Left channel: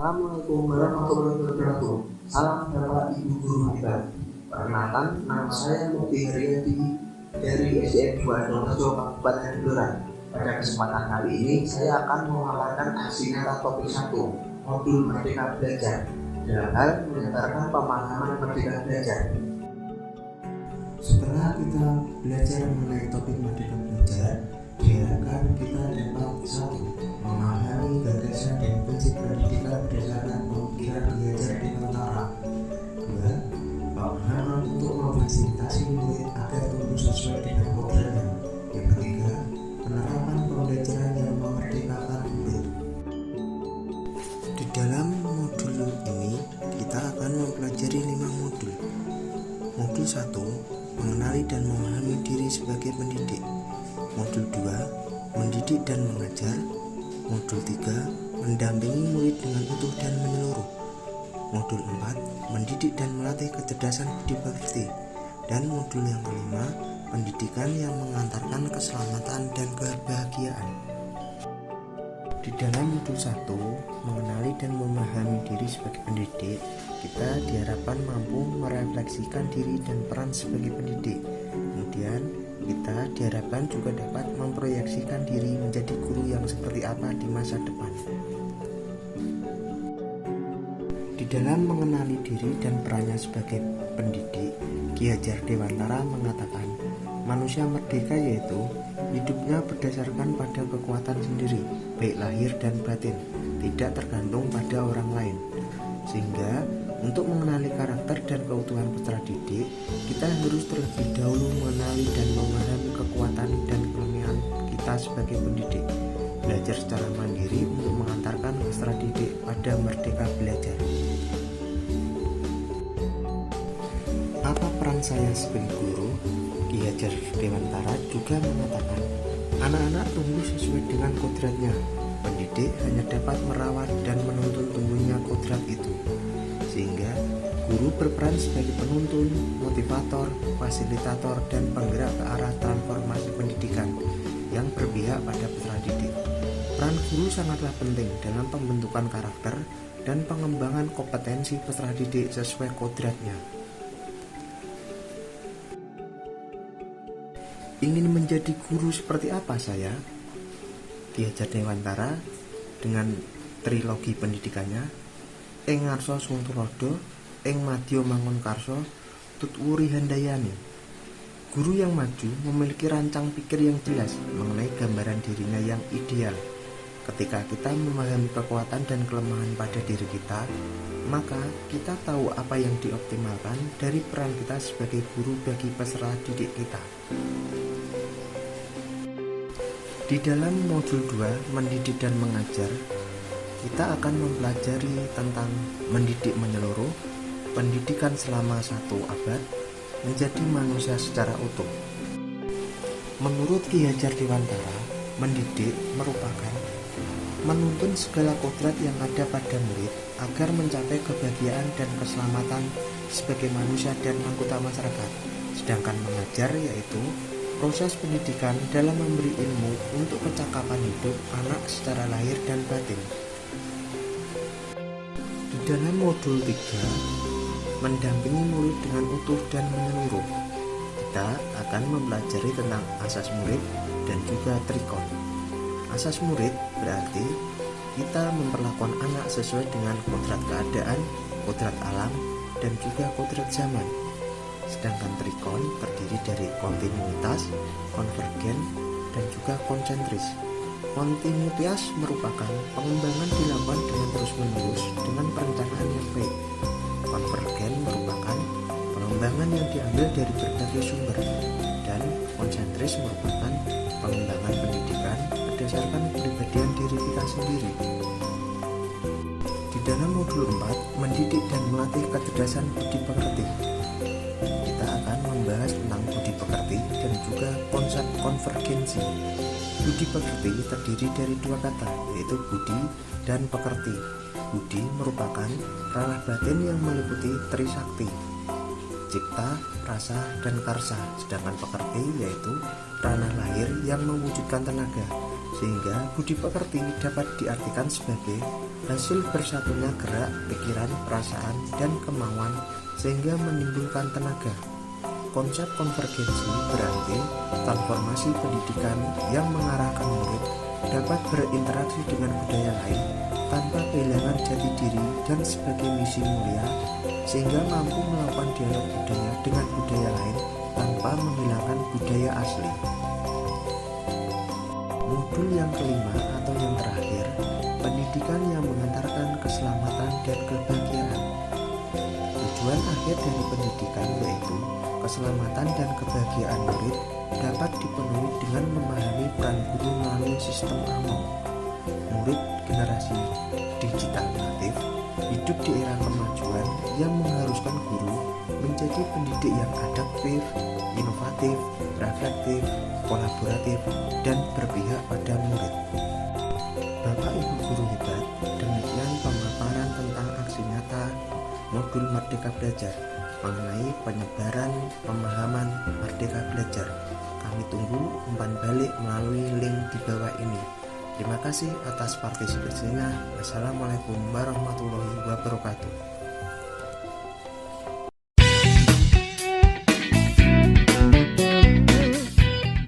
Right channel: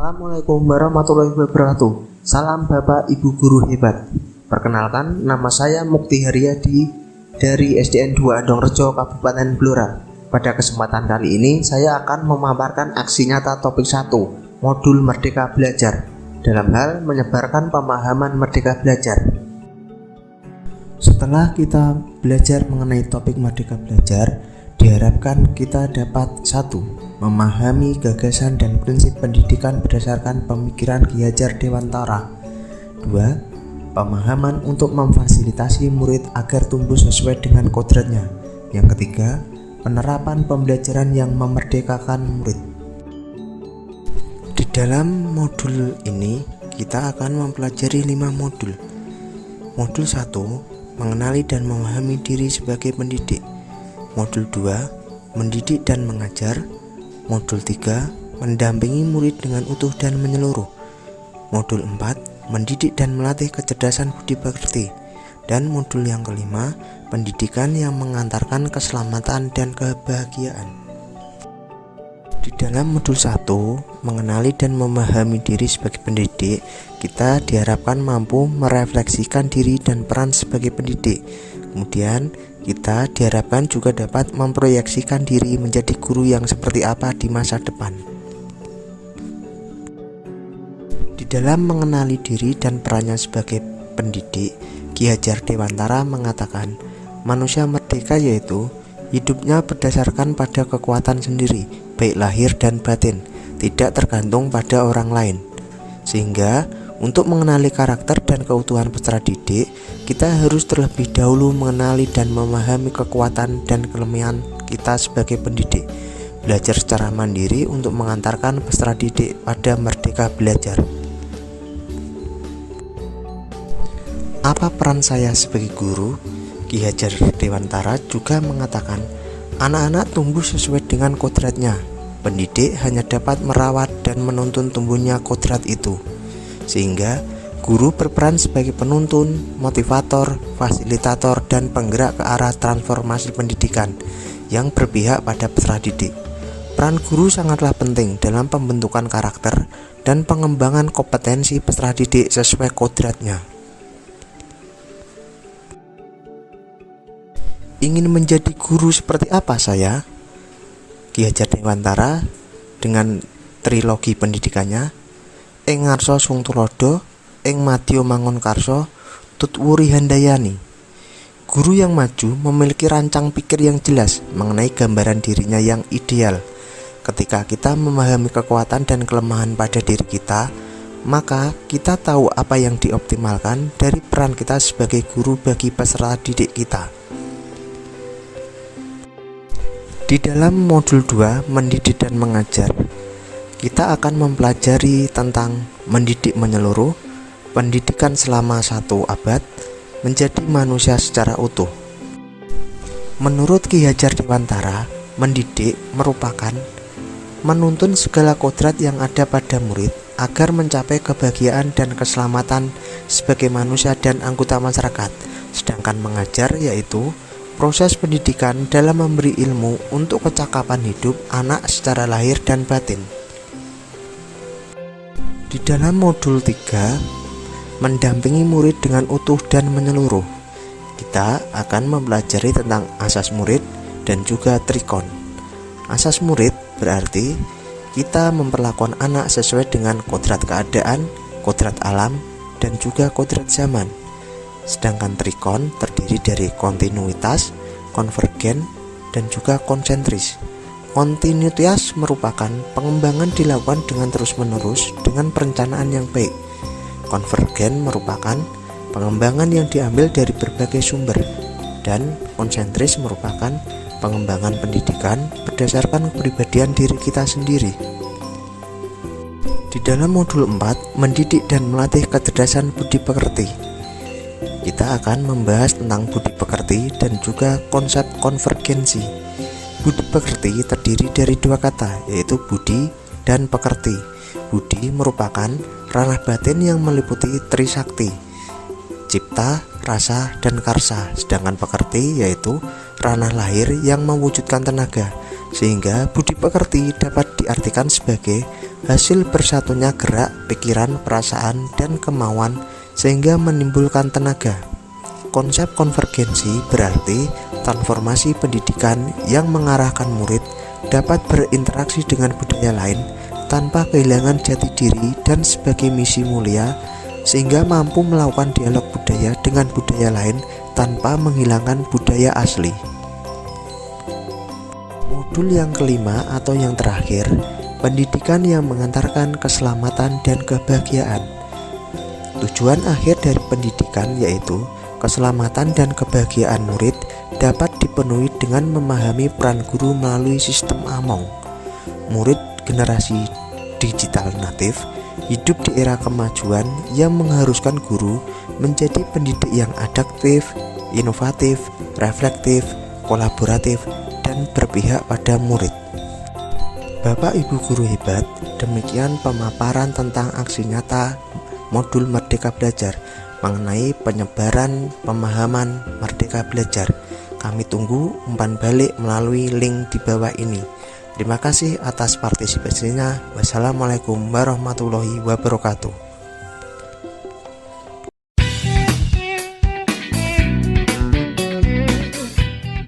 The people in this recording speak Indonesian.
Assalamualaikum warahmatullahi wabarakatuh. Salam Bapak Ibu Guru hebat. Perkenalkan, nama saya Mukti Haryadi dari SDN 2 Adongrejo, Kabupaten Blora. Pada kesempatan kali ini saya akan memaparkan aksi nyata topik 1, modul Merdeka Belajar, dalam hal menyebarkan pemahaman Merdeka Belajar. Setelah kita belajar mengenai topik Merdeka Belajar, diharapkan kita dapat 1. Memahami gagasan dan prinsip pendidikan berdasarkan pemikiran Ki Hajar Dewantara. 2. Pemahaman untuk memfasilitasi murid agar tumbuh sesuai dengan kodratnya. Yang ketiga, penerapan pembelajaran yang memerdekakan murid. Di dalam modul ini kita akan mempelajari 5 modul. Modul 1, mengenali dan memahami diri sebagai pendidik. Modul 2, mendidik dan mengajar. Modul 3, mendampingi murid dengan utuh dan menyeluruh. Modul 4, mendidik dan melatih kecerdasan budi pekerti. Dan modul yang kelima, pendidikan yang mengantarkan keselamatan dan kebahagiaan. Di dalam modul 1, mengenali dan memahami diri sebagai pendidik, kita diharapkan mampu merefleksikan diri dan peran sebagai pendidik. Kemudian kita diharapkan juga dapat memproyeksikan diri menjadi guru yang seperti apa di masa depan. Di dalam mengenali diri dan perannya sebagai pendidik, Ki Hajar Dewantara mengatakan, manusia merdeka yaitu hidupnya berdasarkan pada kekuatan sendiri, baik lahir dan batin, tidak tergantung pada orang lain. Sehingga untuk mengenali karakter dan keutuhan peserta didik, kita harus terlebih dahulu mengenali dan memahami kekuatan dan kelemahan kita sebagai pendidik. Belajar secara mandiri untuk mengantarkan peserta didik pada merdeka belajar. Apa peran saya sebagai guru? Ki Hajar Dewantara juga mengatakan, anak-anak tumbuh sesuai dengan kodratnya. Pendidik hanya dapat merawat dan menuntun tumbuhnya kodrat itu. Sehingga guru berperan sebagai penuntun, motivator, fasilitator, dan penggerak ke arah transformasi pendidikan yang berpihak pada peserta didik. Peran guru sangatlah penting dalam pembentukan karakter dan pengembangan kompetensi peserta didik sesuai kodratnya. Ingin menjadi guru seperti apa saya? Ki Hajar Dewantara dengan trilogi pendidikannya, ing ngarsa sung tulodo, ing madya mangun karsa, tutwuri handayani. Guru yang maju memiliki rancang pikir yang jelas mengenai gambaran dirinya yang ideal. Ketika kita memahami kekuatan dan kelemahan pada diri kita, maka kita tahu apa yang dioptimalkan dari peran kita sebagai guru bagi peserta didik kita. Di dalam modul 2, mendidik dan mengajar, kita akan mempelajari tentang mendidik menyeluruh, pendidikan selama 1 abad, menjadi manusia secara utuh. Menurut Ki Hajar Dewantara, mendidik merupakan menuntun segala kodrat yang ada pada murid agar mencapai kebahagiaan dan keselamatan sebagai manusia dan anggota masyarakat. Sedangkan mengajar yaitu proses pendidikan dalam memberi ilmu untuk kecakapan hidup anak secara lahir dan batin. Di dalam modul 3, mendampingi murid dengan utuh dan menyeluruh, kita akan mempelajari tentang asas murid dan juga trikon. Asas murid berarti kita memperlakukan anak sesuai dengan kodrat keadaan, kodrat alam, dan juga kodrat zaman. Sedangkan trikon terdiri dari kontinuitas, konvergen, dan juga konsentris. Kontinuitas merupakan pengembangan dilakukan dengan terus-menerus dengan perencanaan yang baik. Konvergen merupakan pengembangan yang diambil dari berbagai sumber. Dan konsentris merupakan pengembangan pendidikan berdasarkan kepribadian diri kita sendiri. Di dalam modul 4, mendidik dan melatih kecerdasan budi pekerti, kita akan membahas tentang budi pekerti dan juga konsep konvergensi. Budi pekerti terdiri dari 2 kata, yaitu budi dan pekerti. Budi merupakan ranah batin yang meliputi trisakti, cipta, rasa, dan karsa. Sedangkan pekerti yaitu ranah lahir yang mewujudkan tenaga. Sehingga budi pekerti dapat diartikan sebagai hasil bersatunya gerak, pikiran, perasaan, dan kemauan sehingga menimbulkan tenaga. Konsep konvergensi berarti transformasi pendidikan yang mengarahkan murid dapat berinteraksi dengan budaya lain tanpa kehilangan jati diri dan sebagai misi mulia, sehingga mampu melakukan dialog budaya dengan budaya lain tanpa menghilangkan budaya asli. Modul yang kelima atau yang terakhir, pendidikan yang mengantarkan keselamatan dan kebahagiaan. Tujuan akhir dari pendidikan yaitu keselamatan dan kebahagiaan murid dapat dipenuhi dengan memahami peran guru melalui sistem AMONG. Murid generasi digital natif hidup di era kemajuan yang mengharuskan guru menjadi pendidik yang adaptif, inovatif, reflektif, kolaboratif, dan berpihak pada murid. Bapak Ibu guru hebat, demikian pemaparan tentang aksi nyata modul Merdeka Belajar mengenai penyebaran pemahaman Merdeka Belajar. Kami tunggu umpan balik melalui link di bawah ini. Terima kasih atas partisipasinya. Wassalamualaikum warahmatullahi wabarakatuh.